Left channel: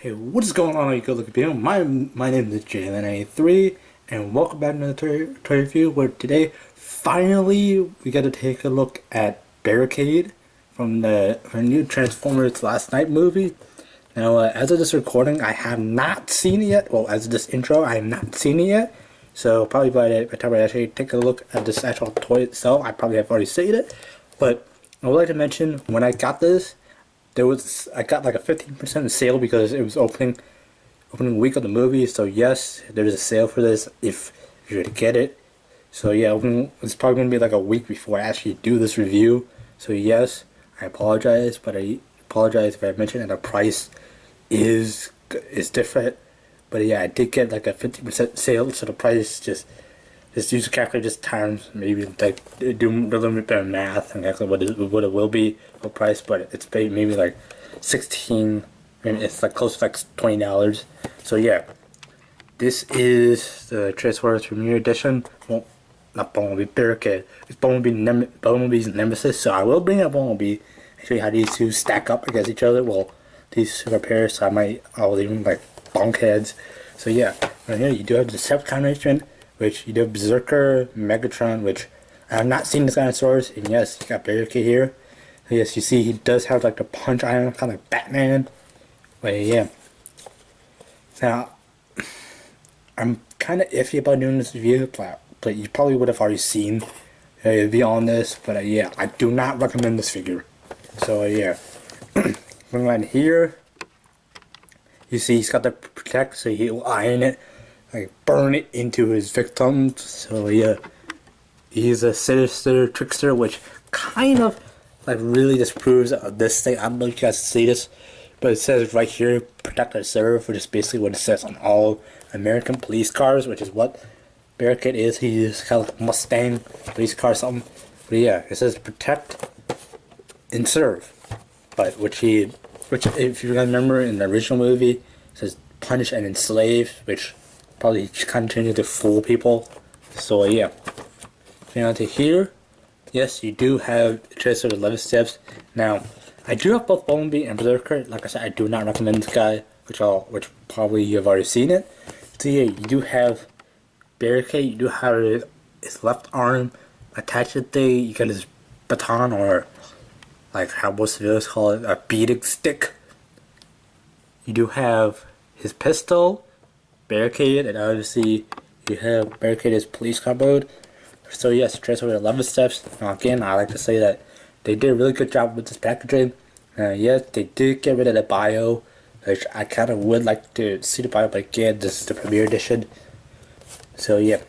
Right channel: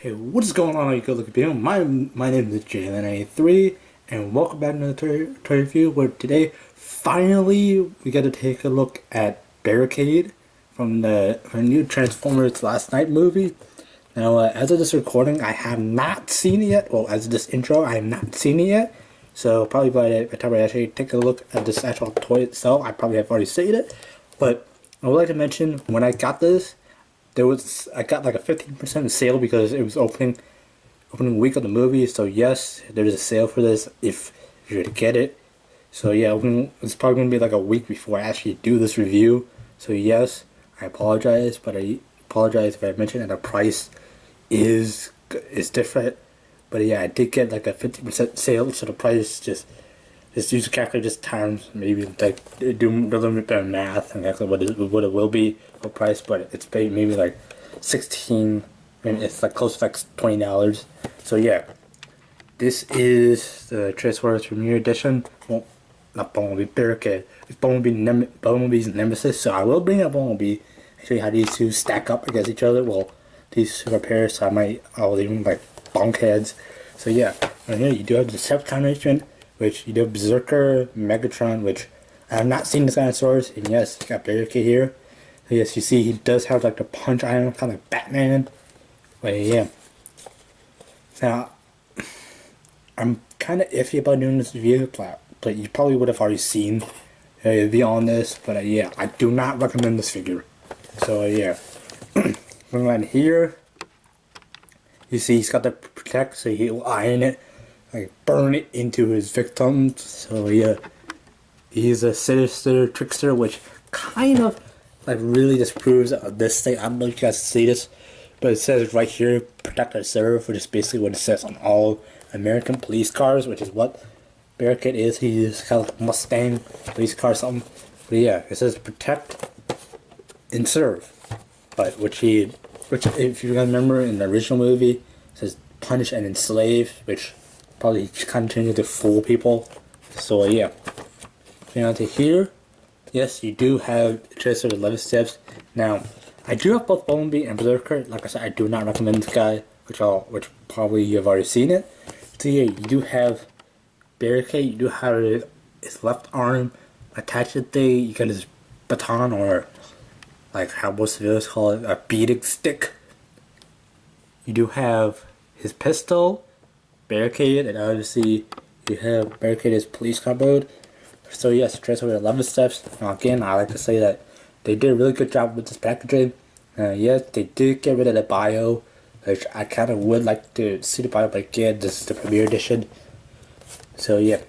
Hey, what is going on, all you good looking people? My name is Jalen93, and welcome back to another toy review. Where today, finally, we got to take a look at Barricade from the new Transformers Last Night movie. Now, as of this recording, I have not seen it yet. Well, as of this intro, I have not seen it yet. So probably by the time I actually take a look at this actual toy itself, I probably have already seen it. But I would like to mention when I got this. I got like a 15% sale because it was opening week of the movie. So yes, there's a sale for this if you're to get it. So yeah, it's probably gonna be like a week before I actually do this review. So yes, I apologize, but I apologize if I mentioned that the price is different. But yeah, I did get like a 50% sale, so the price just use a calculator just times maybe like do a little bit better math and exactly what it will be for price, but it's maybe like 16. I mean, it's like close to like $20. So yeah, this is the Transformers Premiere Edition. Well, not Bumblebee, Barricade. It's Bumblebee's Nemesis. So I will bring up Bumblebee and show you how these two stack up against each other. Well, these two are pairs, so I'll leave them like bunkheads. So yeah, right here you do have the Decepticon arrangement, which you do have Berserker, Megatron, which I have not seen this dinosaurs, and yes, you got Barricade here. So yes, you see he does have like the punch iron, kind of like Batman. But yeah. Now, I'm kind of iffy about doing this review, but you probably would have already seen the review on this. But yeah, I do not recommend this figure. So yeah, going right here, you see he's got the protect, so he'll iron it, like burn it into his victims. So yeah, he's a sinister trickster, which kind of like really disproves this thing. I don't know if you guys see this, but it says right here, protect our serve, which is basically what it says on all American police cars, which is what Barricade is. He's kind of like a Mustang police car or something. But yeah, it says protect and serve, but which if you remember in the original movie, it says punish and enslave, which probably kind of changed to fool people. So yeah, going on to here, yes, you do have just sort of 11 steps. Now, I do have both Bumblebee and Berserker. Like I said, I do not recommend this guy, which probably you've already seen it. So yeah, you do have Barricade. You do have his left arm attached to the. You got his baton, or like how most of us call it, a beating stick. You do have his pistol, Barricade, and obviously you have Barricade's police car mode. So yes, Transformers 11 steps. Now again, I like to say that they did a really good job with this packaging. Yes, they did get rid of the bio, which I kind of would like to see the bio, but again, this is the premiere edition. So yeah,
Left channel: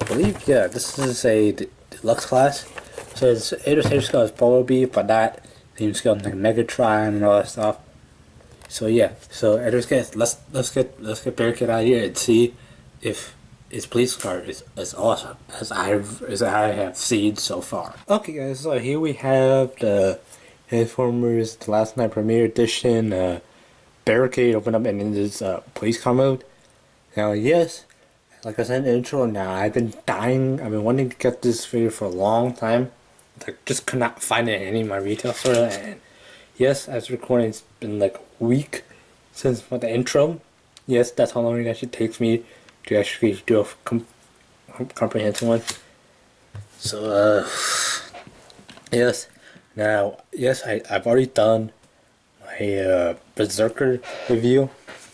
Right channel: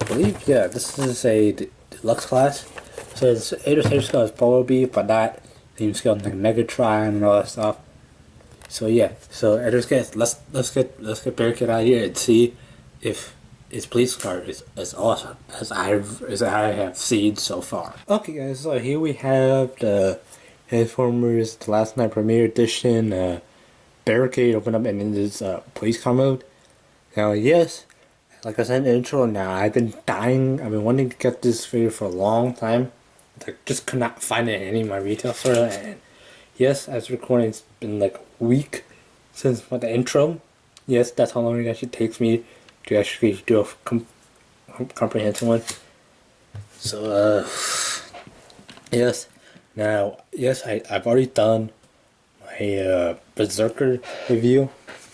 I believe, yeah, this is a deluxe class. So it's 8 scale is Bumblebee, but not theme scale like Megatron and all that stuff. So yeah, so let's get Barricade out here and see if his police car is as awesome as I have seen so far. Okay guys, so here we have the Transformers The Last Night Premiere Edition. Barricade open up and in this police car mode. Now yes, like I said in the intro, now I've been wanting to get this figure for a long time. I just could not find it in any of my retail stores, and yes, as recording, it's been like a week since the intro. Yes, that's how long it actually takes me to actually do a comprehensive one. So, yes. Now, yes, I've already done my Berserker review.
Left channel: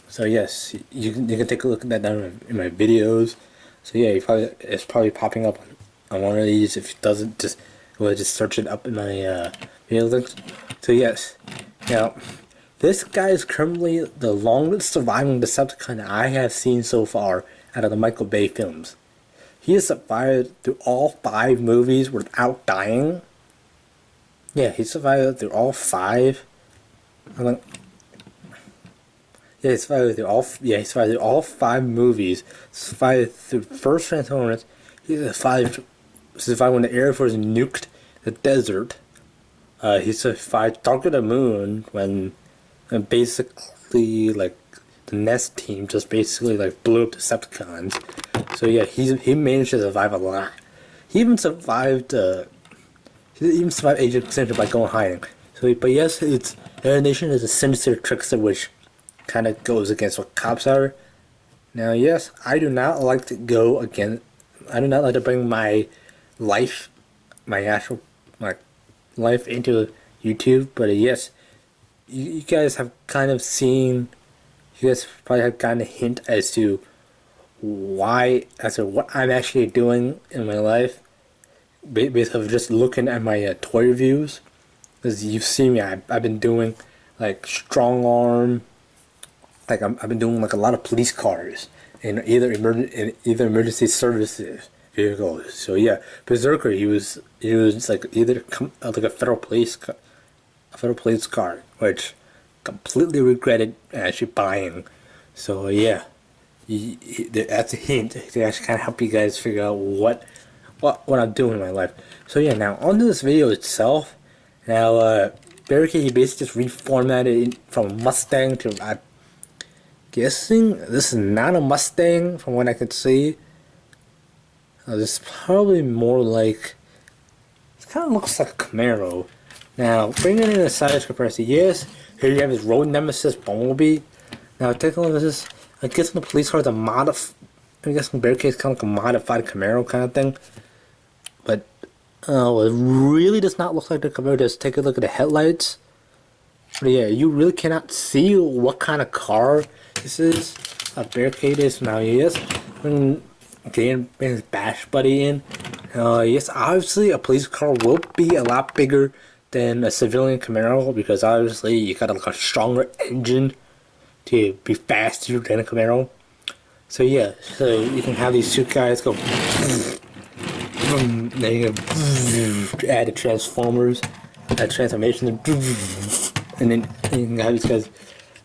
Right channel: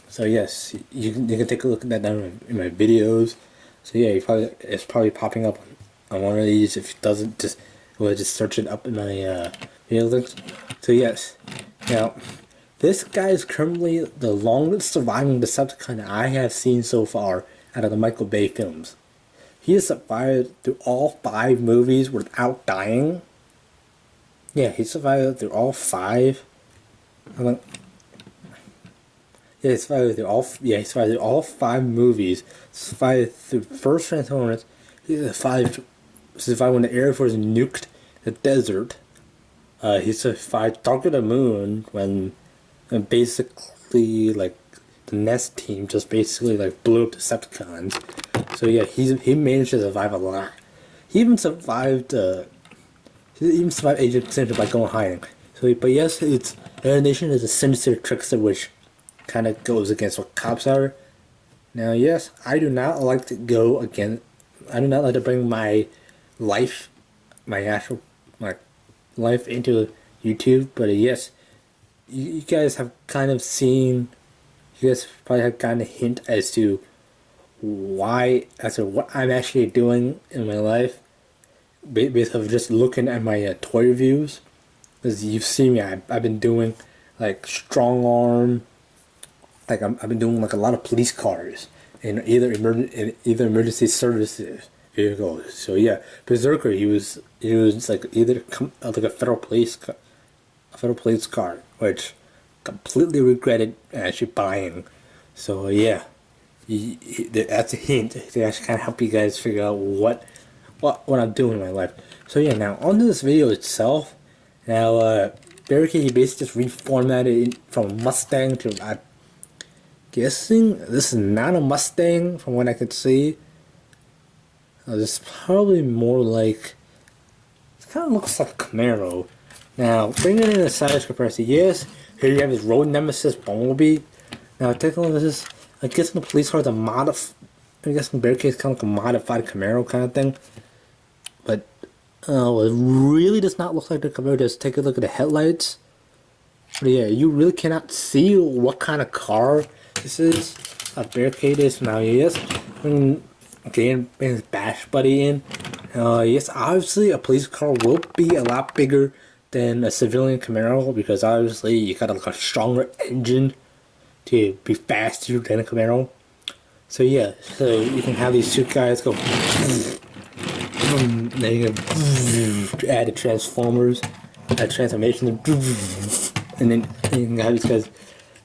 So yes, you can take a look at that down in my videos. So yeah, it's probably popping up on one of these. If it doesn't, just search it up in my video links. So yes, now this guy is currently the longest surviving Decepticon I have seen so far out of the Michael Bay films. He has survived through all 5 movies without dying. Yeah, he survived through all 5. He survived through all 5 movies. Survived through the first Transformers. He survived when the Air Force nuked the desert. He survived Dark of the Moon when basically like the Nest team just basically like blew up Decepticons. So yeah, he managed to survive a lot. He even survived Agent Center by going hiding. So, but yes, its nation is a sinister trickster, which kind of goes against what cops are. Now, yes, I do not like to go again. I do not like to bring my life, my actual like life into YouTube. But yes, you guys have kind of seen. You guys probably have gotten a hint as to what I'm actually doing in my life, based off just looking at my toy reviews. Because you've seen me, I've been doing like strong arm, like I've been doing like a lot of police cars in either emergency services vehicles. So yeah, Berserker, he was like either like a federal police car, which completely regretted actually buying. So yeah, that's a hint to actually kind of help you guys figure out what I'm doing in my life. So yeah, now onto this video itself. Now Barricade, he basically just reformatted it from Mustang to, I'm guessing this is not a Mustang from what I could see. This is probably more like, it kind of looks like a Camaro. Now bringing in a size comparison, yes, here you have his road nemesis Bumblebee. Now take a look at this. I guess the police car is I guess the Barricade is kind of like a modified Camaro kind of thing. But it really does not look like the Camaro. Just take a look at the headlights. But yeah, you really cannot see what kind of car this is. A Barricade is now. Yes, when getting his bash buddy in. Yes, obviously a police car will be a lot bigger than a civilian Camaro because obviously you got like a stronger engine to be faster than a Camaro. So yeah, so you can have these two guys go. Then you can add the transformers, add transformation, and then you can have these guys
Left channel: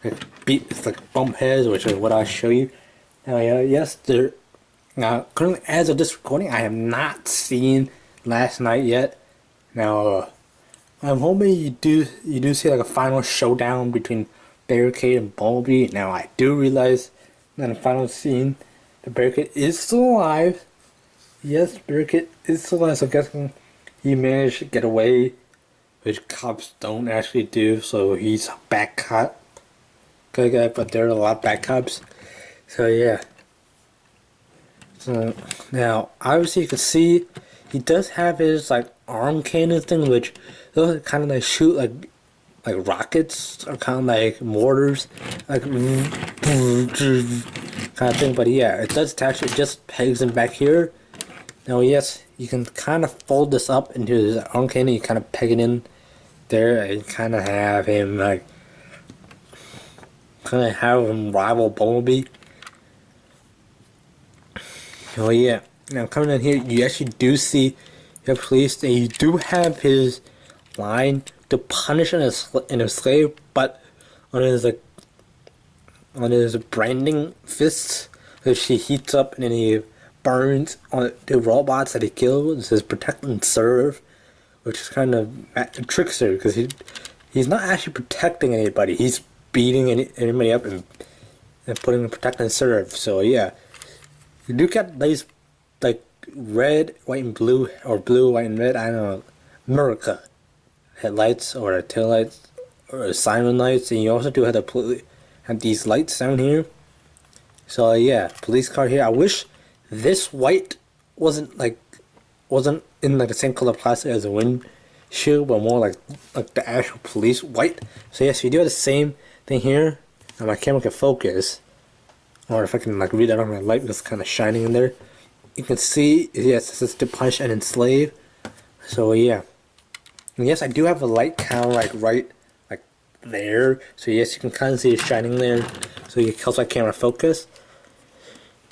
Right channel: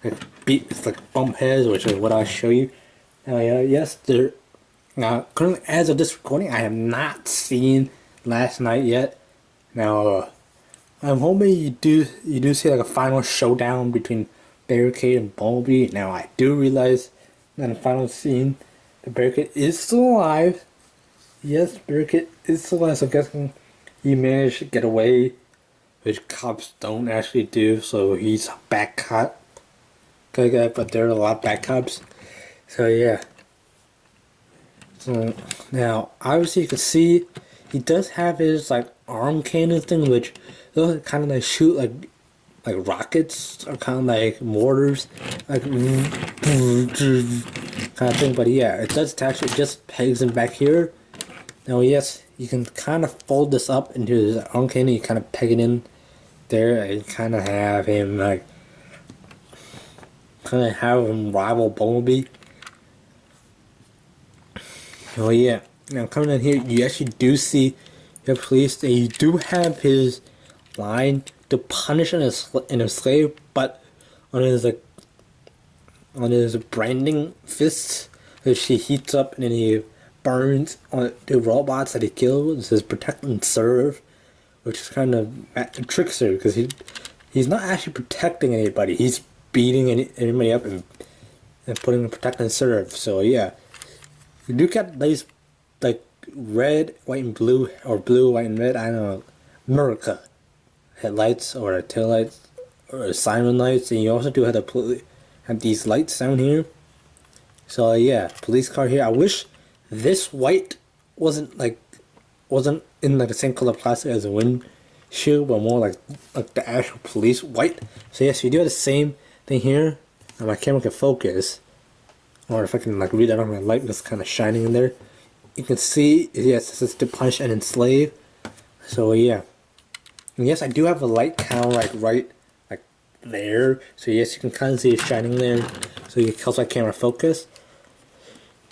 like beat. It's like bump heads, which is what I'll show you. Now, yes, there. Now, currently, as of this recording, I have not seen last night yet. Now, I'm hoping you do see like a final showdown between Barricade and Bumblebee. Now, I do realize that in the final scene, the Barricade is still alive. Yes, Barricade is still alive, so I'm guessing he managed to get away, which cops don't actually do, so he's a bad cop. Good guy, but there are a lot of bad cops. So, yeah. So, now, obviously you can see he does have his, like, arm cannon thing, which those kind of like shoot, like rockets, or kind of like mortars, like, kind of thing. But yeah, it does attach, it just pegs him back here. Now, yes, you can kind of fold this up into his arm cannon. You kind of peg it in there and kind of have him like rival Bumblebee. Oh yeah. Now coming in here, you actually do see the police, and you do have his line to punish in a slave, but on his branding fists, which he heats up and then he burns on the robots that he kills. It says protect and serve, which is kind of a trickster because he's not actually protecting anybody. He's beating anybody up and putting protect and serve. So yeah, you do get these like red, white, and blue, or blue, white, and red. I don't know, America headlights or tail lights or siren lights, and you also do have these lights down here. So yeah, police car here. I wish this white wasn't in like the same color plastic as the windshield, but more like the actual police white. So yes, you do have the same thing here. And my camera can focus, or if I can like read that on my light that's kind of shining in there, you can see yes, this is to punish and enslave. So yeah, and yes, I do have a light kind of like right like there. So yes, you can kind of see it shining there. So it helps my camera focus.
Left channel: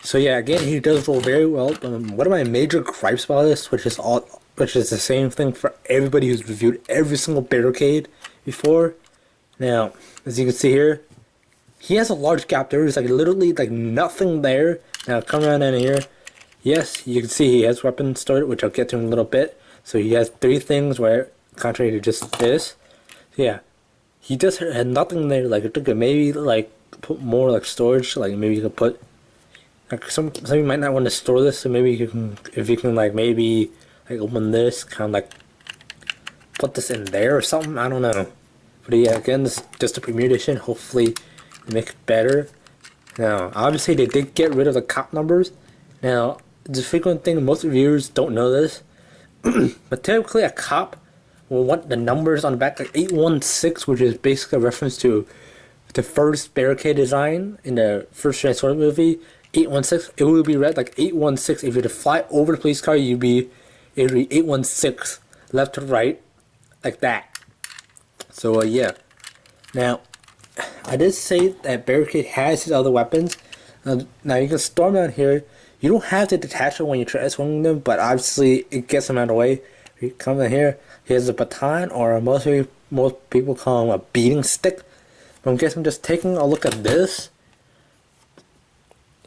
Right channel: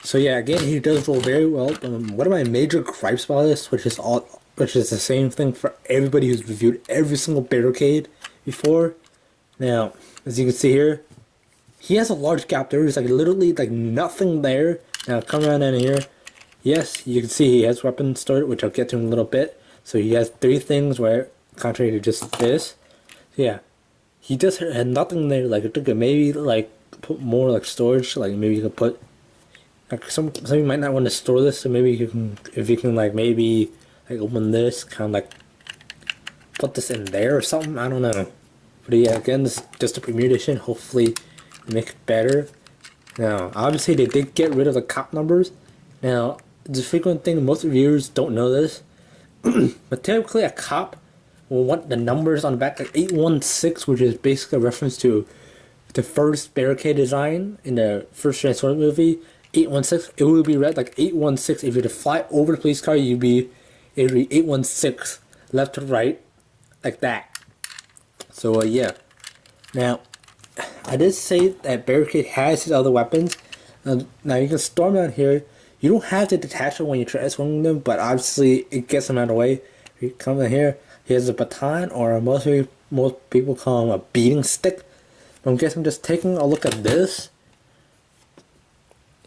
So yeah, again, he does roll very well. One of my major gripes about this, which is the same thing for everybody who's reviewed every single Barricade before. Now, as you can see here, he has a large gap there. There's like literally like nothing there. Now, come around in here. Yes, you can see he has weapons stored, which I'll get to in a little bit. So he has 3 things where, contrary to just this. So yeah, he just had nothing there. Like it took maybe like put more like storage. Like maybe you could put. Like some of you might not want to store this, so maybe you can, if you can like maybe like open this, kind of like put this in there or something. I don't know. But yeah, again, this is just a premiere edition. Hopefully, make it better. Now, obviously, they did get rid of the cop numbers. Now, the frequent thing, most reviewers don't know this, but typically a cop will want the numbers on the back, like 816, which is basically a reference to the first Barricade design in the first Transformers movie. 816, it would be read like 816. If you were to fly over the police car, it would be 816, left to right, like that. So, yeah. Now, I did say that Barricade has his other weapons. Now you can storm down here. You don't have to detach them when you're transforming them, but obviously it gets them out of the way. You come in here, he has a baton, or most people call him a beating stick. But I'm guessing just taking a look at this,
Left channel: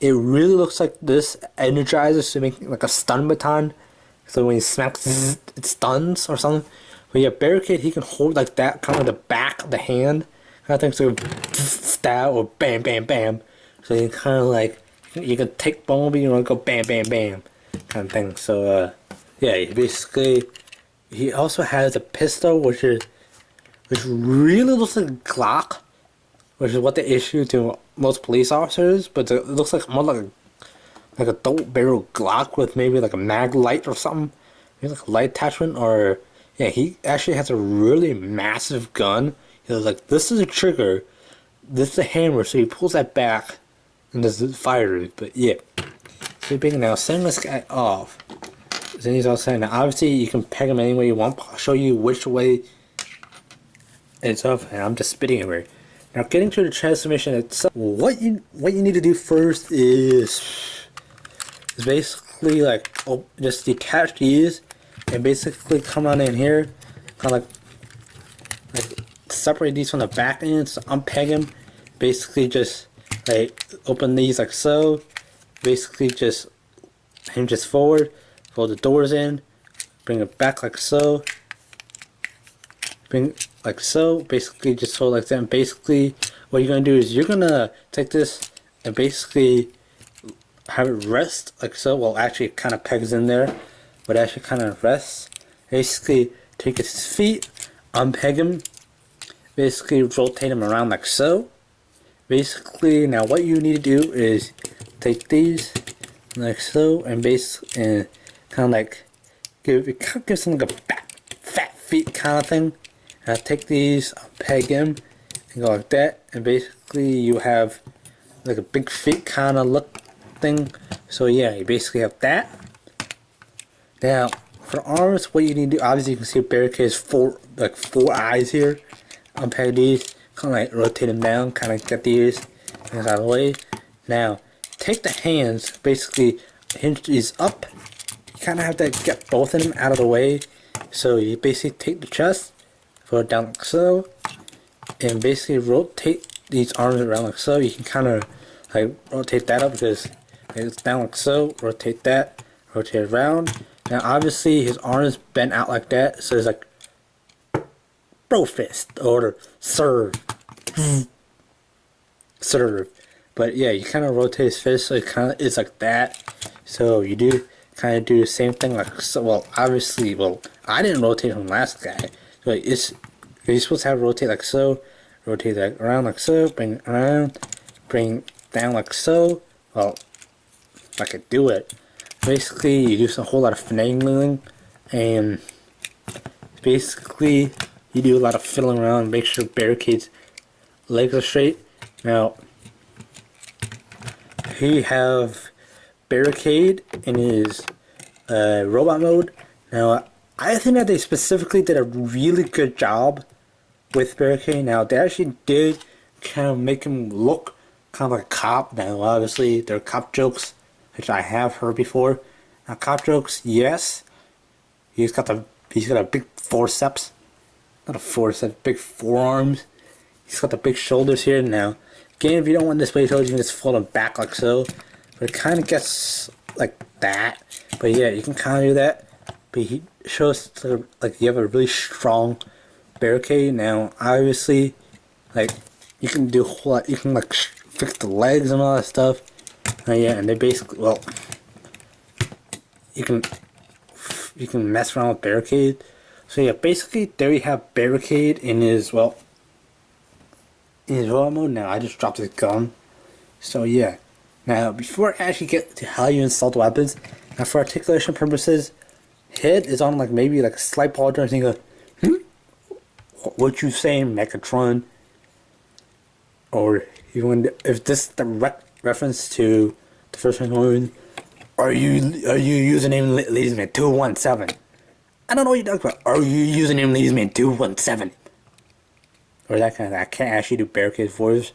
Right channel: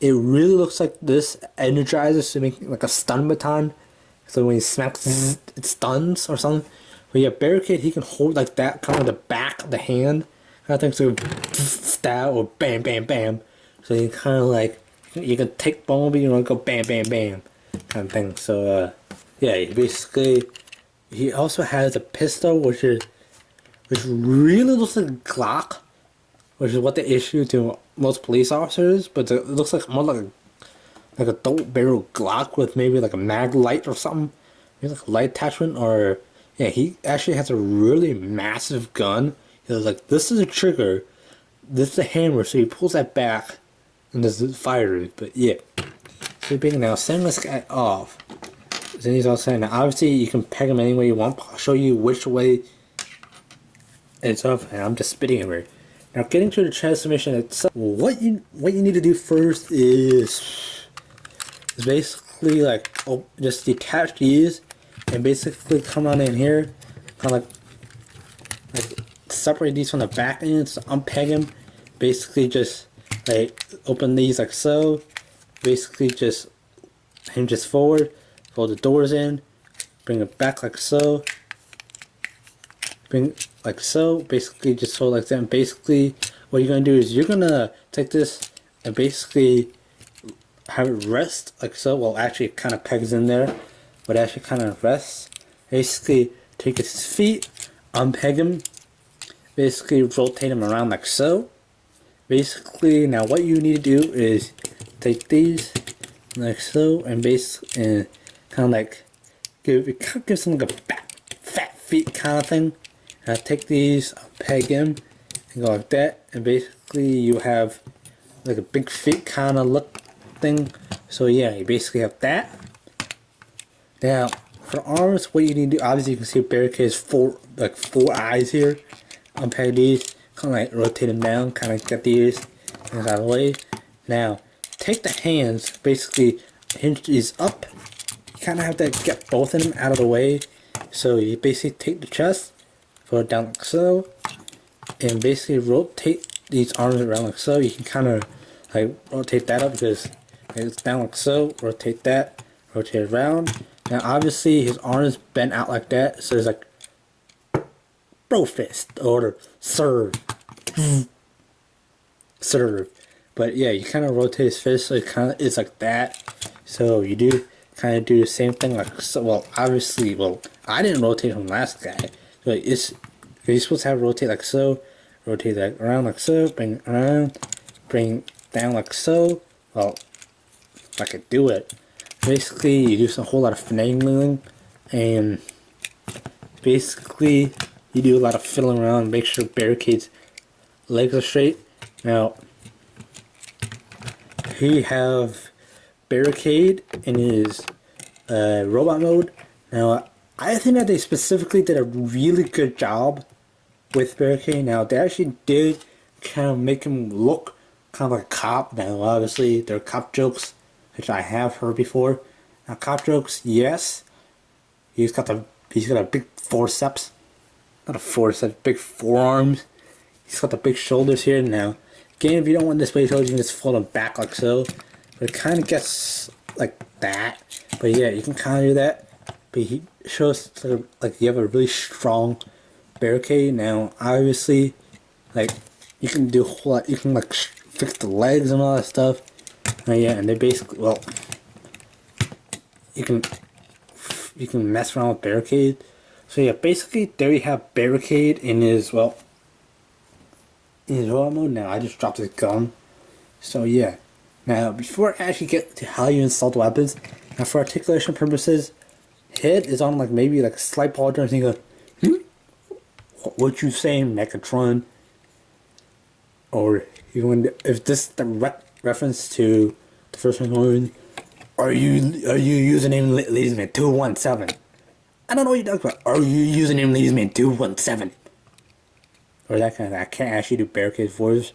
it really looks like this energizes to make like a stun baton. So when he smacks, it stuns or something. But yeah, Barricade, he can hold like that, kind of the back of the hand. I think so. Stab or bam, bam, bam. So you kind of like, you can take Bumblebee and go bam, bam, bam, kind of thing. So yeah, basically, he also has a pistol, which really looks like a Glock, which is what they issue to most police officers. But it looks like more like a double barrel Glock with maybe like a mag light or something, maybe like a light attachment. Or yeah, he actually has a really massive gun. He was like, this is a trigger, this is a hammer, so he pulls that back, and this is fire. But yeah, so big now, send this guy off. Then he's all saying, now obviously you can peg him any way you want. I'll show you which way it's off, and I'm just spitting everywhere. Now getting to the transformation itself, what you need to do first is basically like just detach these, and basically come on in here, kind of like separate these from the back end, so unpeg them. Basically just like open these like so. Basically just hinge this forward, fold the doors in, bring it back like so, bring like so. Basically just fold like that. And basically what you're gonna do is you're gonna take this and basically have it rest like so. Well, actually it kind of pegs in there, but actually kind of rests. Basically take his feet, unpeg him, basically rotate them around like so. Basically, now what you need to do is take these like so, and kind of like give them like a fat feet kind of thing. Now take these, peg them, and go like that, and basically you have like a big feet kind of look thing. So yeah, you basically have that. Now for arms, what you need to do, obviously you can see Barricade's four eyes here. Unpeg these, kind of like rotate them down, kind of get these out of the way. Now take the hands, basically hinge these up. You kind of have to get both of them out of the way. So you basically take the chest, put it down like so, and basically rotate these arms around like so. You can kind of like rotate that up because it's down like so. Rotate that, rotate it around. Now obviously his arms bent out like that, so it's like bro fist or serve. Serve. But yeah, you kind of rotate his fist so it's like that. So you do kind of do the same thing like so. Well, obviously, I didn't rotate from last guy. So you're supposed to have rotate like so, rotate that around like so, bring it around, bring down like so. Well, if I could do it. Basically, you do a whole lot of finagling, and basically you do a lot of fiddling around, make sure Barricade's legs are straight. Now, here you have Barricade in his robot mode. Now, I think that they specifically did a really good job with Barricade. Now, they actually did kind of make him look kind of like a cop. Now, obviously, there are cop jokes, which I have heard before. Now, cop jokes, yes. He's got a big forceps. Not a forceps, big forearms. He's got the big shoulders here. Now, again, if you don't want this way shoulders, you can just fold them back like so. But it kind of gets like that. But yeah, you can kind of do that. But he shows like you have a really strong Barricade. Now, obviously, like you can do a whole lot. You can like fix the legs and all that stuff. Yeah, and they basically, well, you can mess around with Barricade. So yeah, basically there you have Barricade in his in his royal mode. Now I just dropped his gun. So yeah. Now before I actually get to how you install the weapons, now for articulation purposes, head is on like maybe like a slight pause and you go, what you saying, Megatron? Or even if this direct reference to the first one, are you username Ladiesman 217? I don't know what you're talking about. Are you username Ladiesman 217? Or that kind of. I can't actually do Barricade's voice,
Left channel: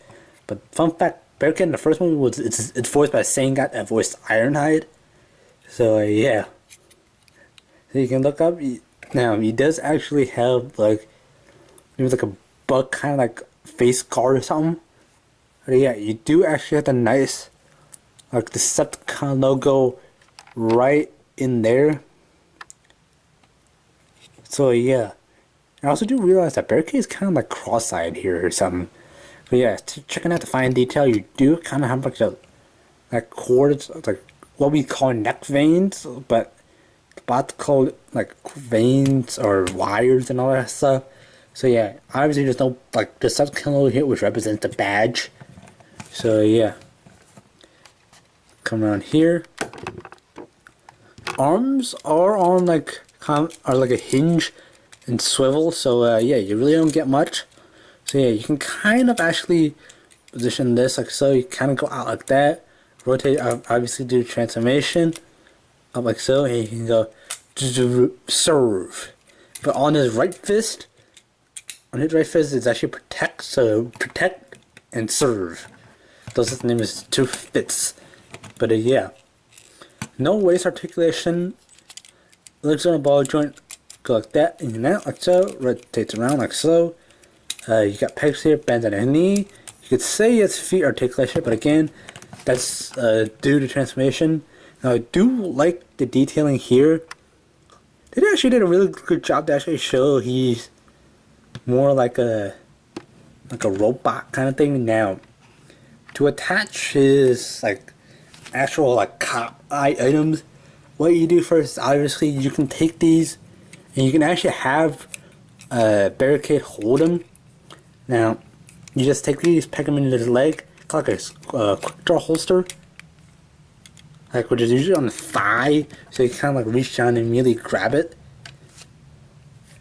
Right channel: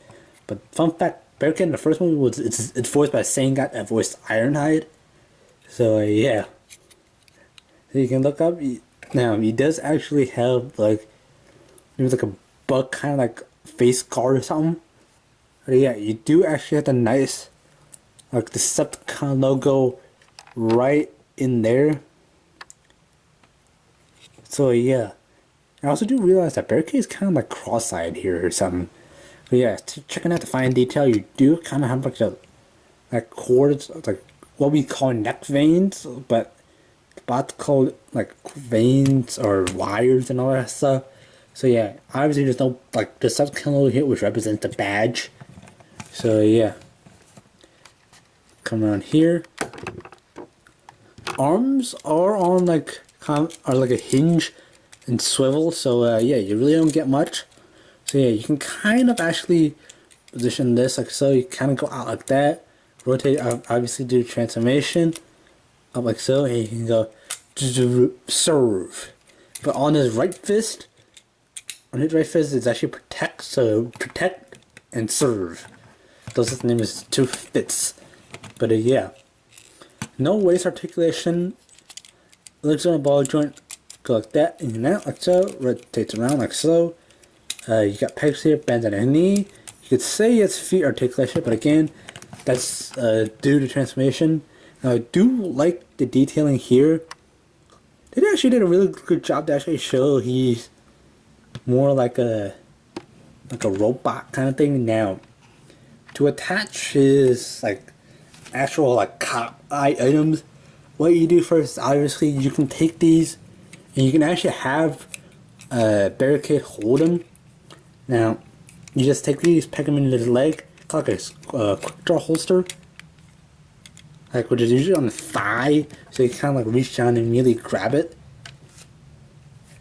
but fun fact, Barricade in the first one was it's voiced by the same guy that voiced Ironhide. So yeah, so you can look up. Now he does actually have like maybe like a bug kind of like face guard or something. But yeah, you do actually have the nice like Decepticon logo right in there. So yeah, I also do realize that Barricade is kind of like cross-eyed here or something. But yeah, checking out the fine detail, you do kind of have like the like cords, like what we call neck veins, but about to call it like veins or wires and all that stuff. So yeah, obviously there's no like the Decepticon logo here, which represents the badge. So yeah, come around here. Arms are on like are like a hinge and swivel. So yeah, you really don't get much. So yeah, you can kind of actually position this like so. You kind of go out like that. Rotate, obviously do transformation up like so, and you can go serve. But on his right fist, it's actually protect. So protect and serve. Those name is two fits. But yeah, no waist articulation. Legs on a ball joint. Go like that, and you're out like so. Rotates around like so. You got pegs here, bends at a knee. You could say it's feet articulation, but again, that's due to transformation. Now I do like the detailing here. They actually did a really good job to actually show he's more like a robot kind of thing. Now to attach his like actual like cop items, what you do first, obviously you can take these and you can actually have Barricade hold them. Now you just take these, peg them into his leg, like a quick draw holster, like which is usually on the thigh, so you kind of like reach down and immediately grab it.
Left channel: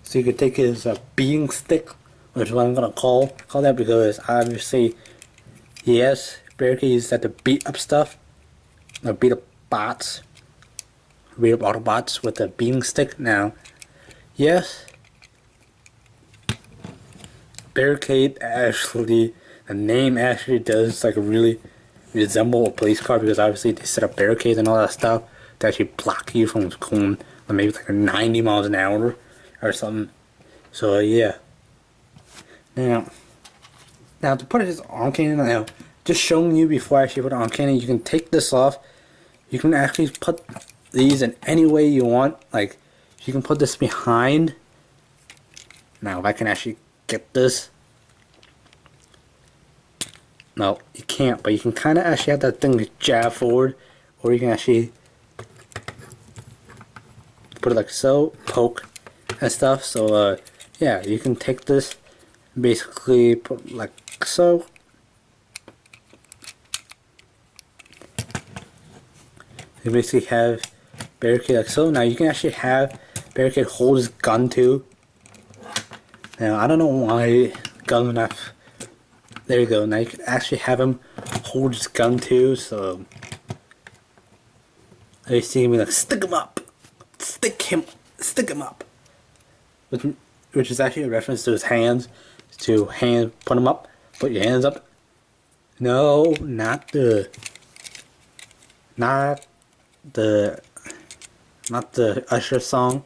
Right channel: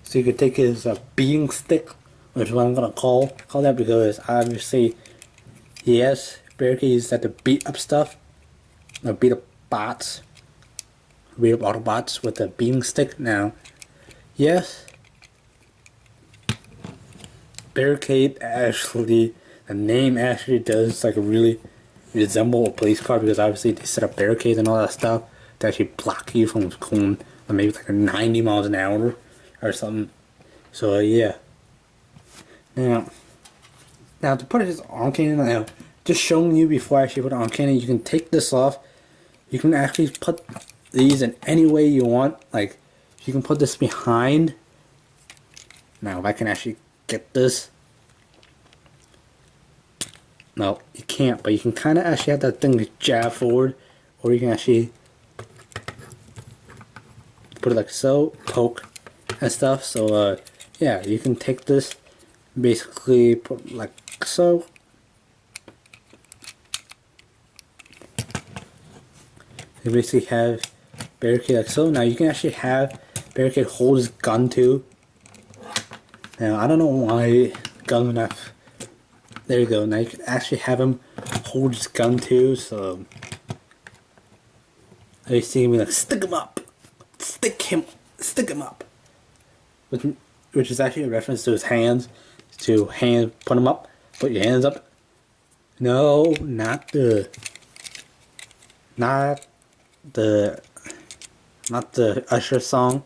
So you could take his beating stick, which is what I'm gonna call that, because obviously yes, Barricade uses that to beat up stuff, or beat up bots, beat up Autobots with a beating stick. Now, yes, Barricade actually, the name actually does like really resemble a police car, because obviously they set up barricades and all that stuff to actually block you from going maybe like 90 miles an hour or something. So yeah. Now to put his arm cannon, now just showing you before I actually put the arm cannon, you can take this off. You can actually put these in any way you want. Like you can put this behind. Now if I can actually get this. No, you can't, but you can kind of actually have that thing jab forward, or you can actually put it like so, poke and stuff. So yeah, you can take this, basically put like so. You basically have Barricade like so. Now you can actually have Barricade hold his gun too. Now I don't know why gun enough. There you go. Now you can actually have him hold his gun too. So you see me like stick him up, stick him up, which is actually a reference to his hands. To put him up, put your hands up. No, not the Usher song.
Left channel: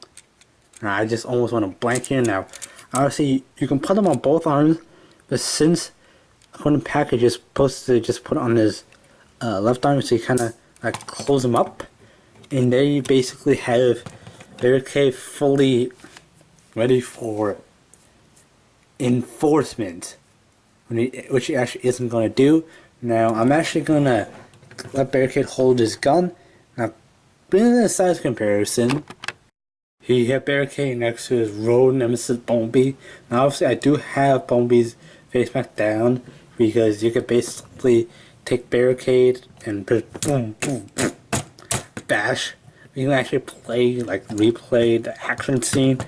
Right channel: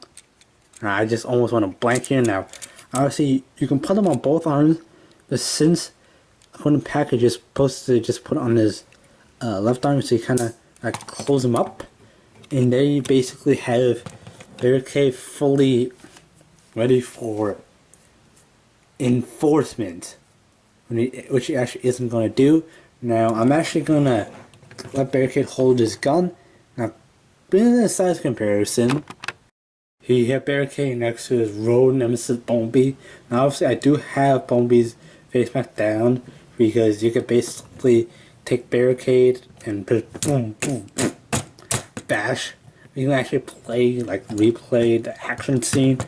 I just almost want to blank here now. Obviously, you can put them on both arms, but since according to the package is supposed to just put it on his left arm, so you kind of like close him up, and there you basically have Barricade fully ready for enforcement, which he actually isn't going to do. Now I'm actually going to let Barricade hold his gun. Now, bringing in a size comparison, you have Barricade next to his road nemesis Bumblebee. Now obviously I do have Bumblebee's face back down, because you could basically take Barricade and boom, boom, boom, bash. You can actually replay the action scene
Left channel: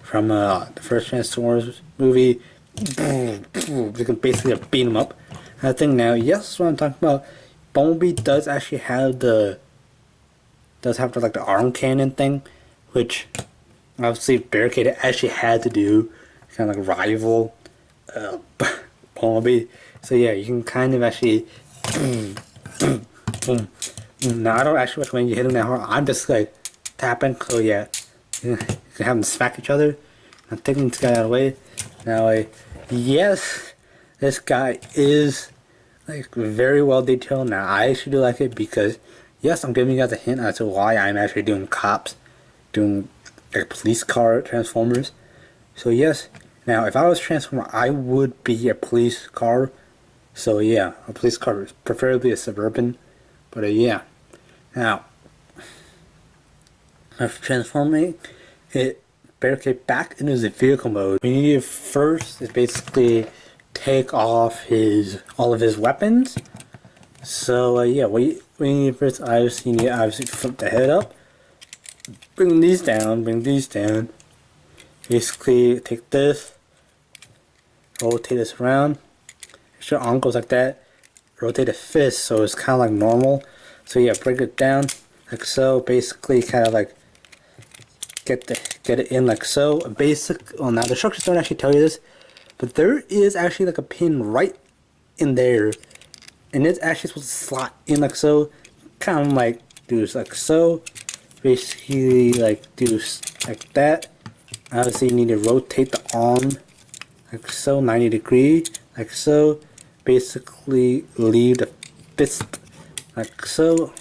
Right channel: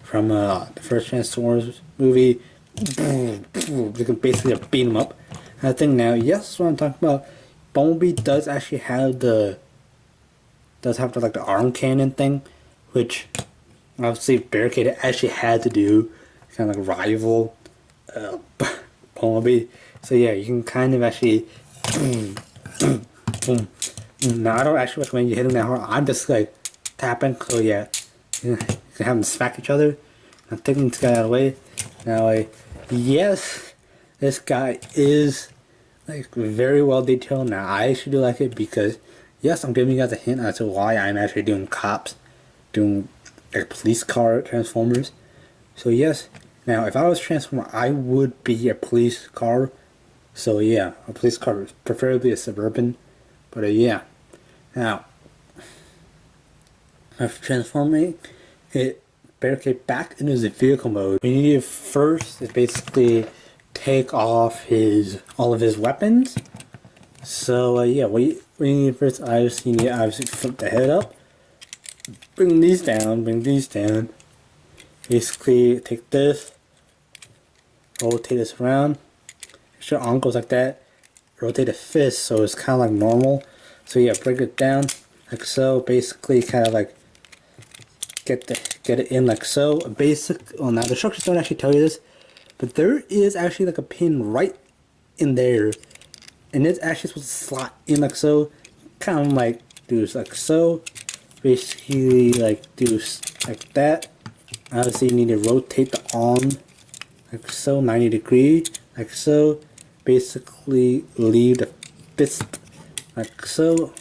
from the first Transformers movie. Boom, boom. You can basically beat them up. And I think now, yes, what I'm talking about. Bumblebee does actually have the arm cannon thing, which obviously Barricade actually had to do, kind of like rival Bumblebee. So yeah, you can kind of actually boom, boom, boom. Now I don't actually recommend you hitting that hard. I'm just like tapping. So yeah, you can have them smack each other. I'm taking this guy out of the way. Now yes, this guy is like very well detailed. Now I actually do like it because yes, I'm giving you guys a hint as to why I'm actually doing cops, doing like police car Transformers. So yes, now if I was Transformer, I would be a police car. So yeah, a police car, preferably a Suburban. But yeah, now for transforming it Barricade back into the vehicle mode, what you need first is basically take off all of his weapons. So yeah, what you need first, obviously you need to flip the head up, bring these down. Basically take this, rotate this around. Make sure arm goes like that. Rotate the fist so it's kind of like normal. So yeah, break it down like so. Basically, kind of like get it in like so. Well, now the instructions don't actually tell you this, but there is actually like a pin right in there, and it's actually supposed to slot in like so. Kind of like do like so. Basically, like do like that. Obviously, you need to rotate the arm like so, 90 degrees, like so. Basically, leave the fist like so.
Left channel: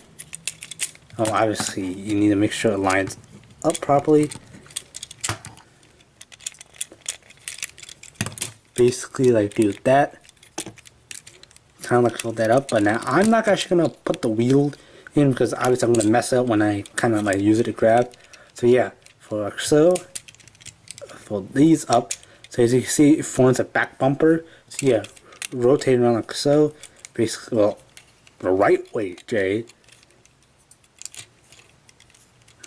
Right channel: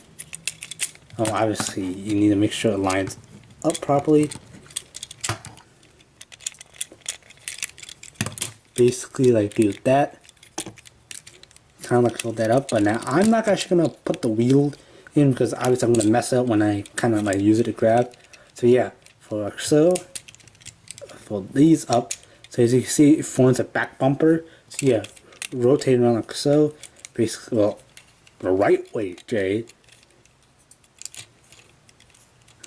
Oh, obviously, you need to make sure it lines up properly. Basically, like do that. Kind of like fold that up. But now, I'm not actually gonna put the wheel in because obviously I'm gonna mess up when I kind of like use it to grab. So yeah, for like so. Fold these up. So as you can see, it forms a back bumper. So yeah, rotate around like so. Basically, well, the right way, Jay.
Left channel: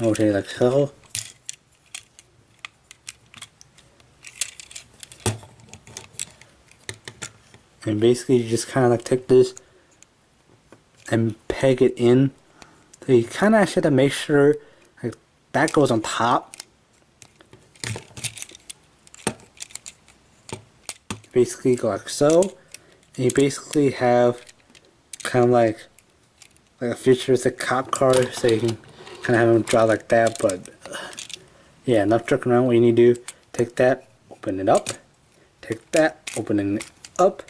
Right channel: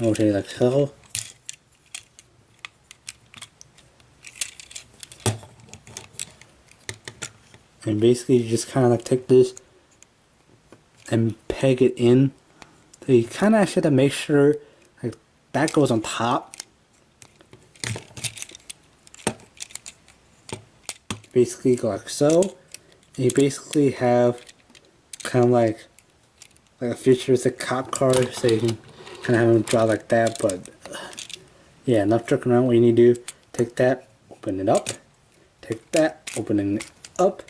Rotate like so. And basically, you just kind of like take this and peg it in. So you kind of actually have to make sure like that goes on top. Basically go like so, and you basically have kind of like a futuristic cop car, so you can kind of have them draw like that. But yeah, enough tricking around. What you need to do, take that, open it up, take that, open it up.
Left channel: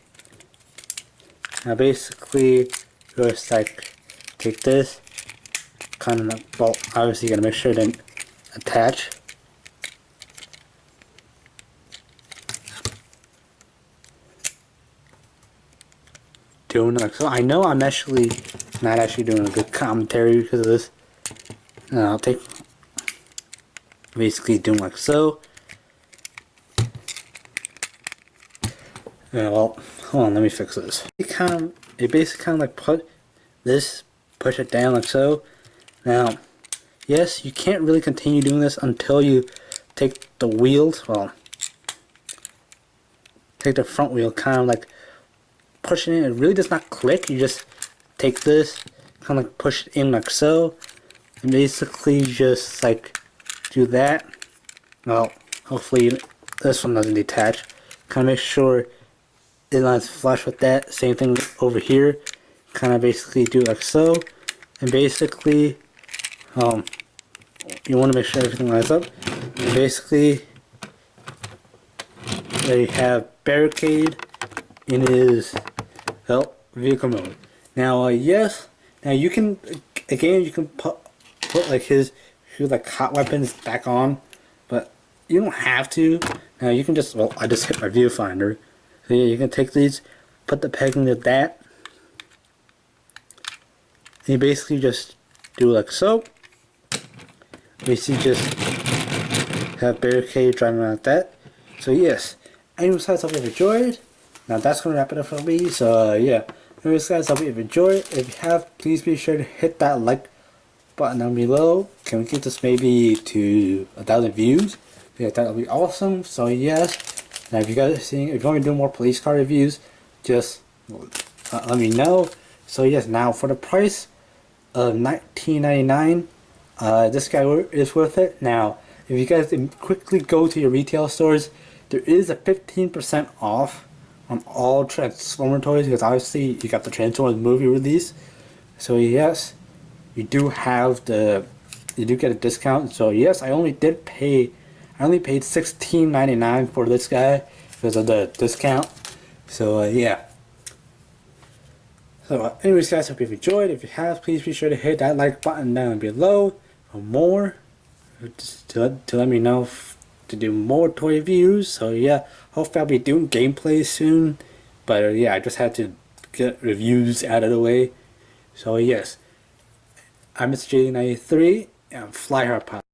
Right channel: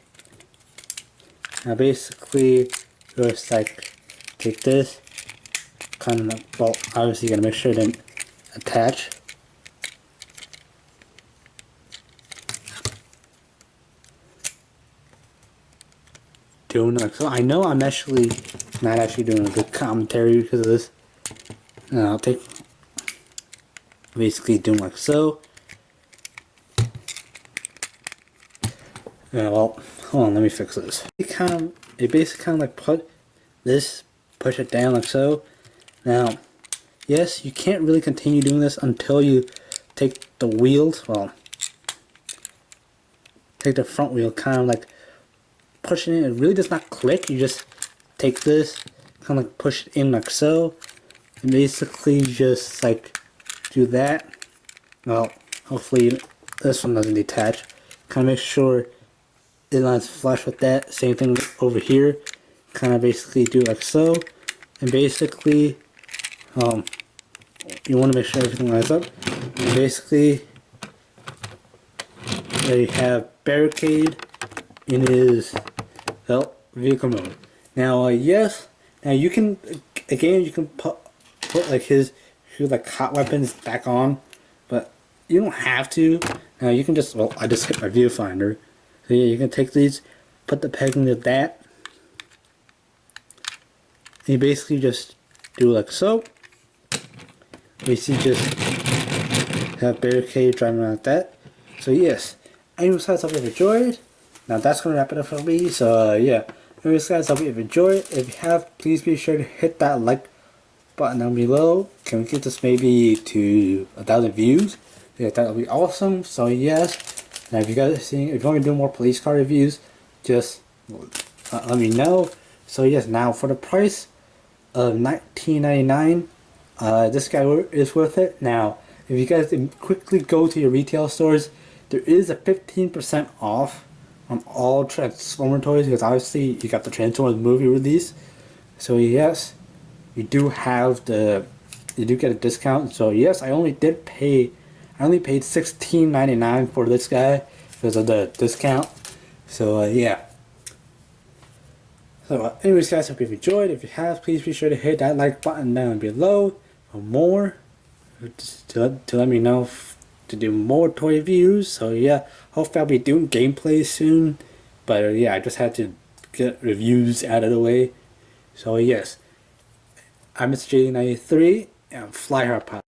Now basically just like take this, kind of, well, obviously you gotta make sure it didn't attach. Doing like so. I know I'm actually not actually doing a good commentary because of this. I'll take basically doing like so. Yeah, well, hold on, let me fix this. It basically kind of like push it down like so. Now, yes, you can't really continue doing this until you take the wheels. Well, take the front wheel, kind of like pushing it. It really does not click. You just take this, kind of like push it in like so, and basically just like do that. Well, hopefully this one doesn't detach. Kind of make sure it lines flush with that. Same thing over here. Kind of basically do like so, and basically you want to make sure everything lines up. And basically they have Barricade in his vehicle mode. Now yes, now you can again you can put like his like hot weapons back on, but you don't have to. Now you can just, well, I just hit my viewfinder. So yeah, you can take these, put the peg into that, and you basically just do like so. Basically just have Barricade driving around like that. So yes, anyways, I hope you enjoyed. Now that's gonna wrap it up for me. So yeah. Anyways, guys, I hope you've enjoyed. If you have, please be sure to hit that like button down below. Can we get this maybe to 1,000 views? Yeah, that would be awesome. So yes. Now if you guys are seeing, if you want to do more police car reviews, just let me know. So yes, now for the price of $19.99, this guy is worth it. Now, if you guys quickly go to your retail stores, there is a 15% off on all Transformer toys, because obviously you got the Transformers movie release. So yes, you do get a discount. So yes, I only paid $16.99 for this guy because of the discount. So yeah. So anyways, guys, hope you've enjoyed. If you have, please be sure to hit that like button down below for more, to let me know to do more toy reviews. So yeah, hopefully I'll be doing gameplay soon. But yeah, I just had to get reviews out of the way. So yes, I'm Mr. J93 and Fly Hard Pilot.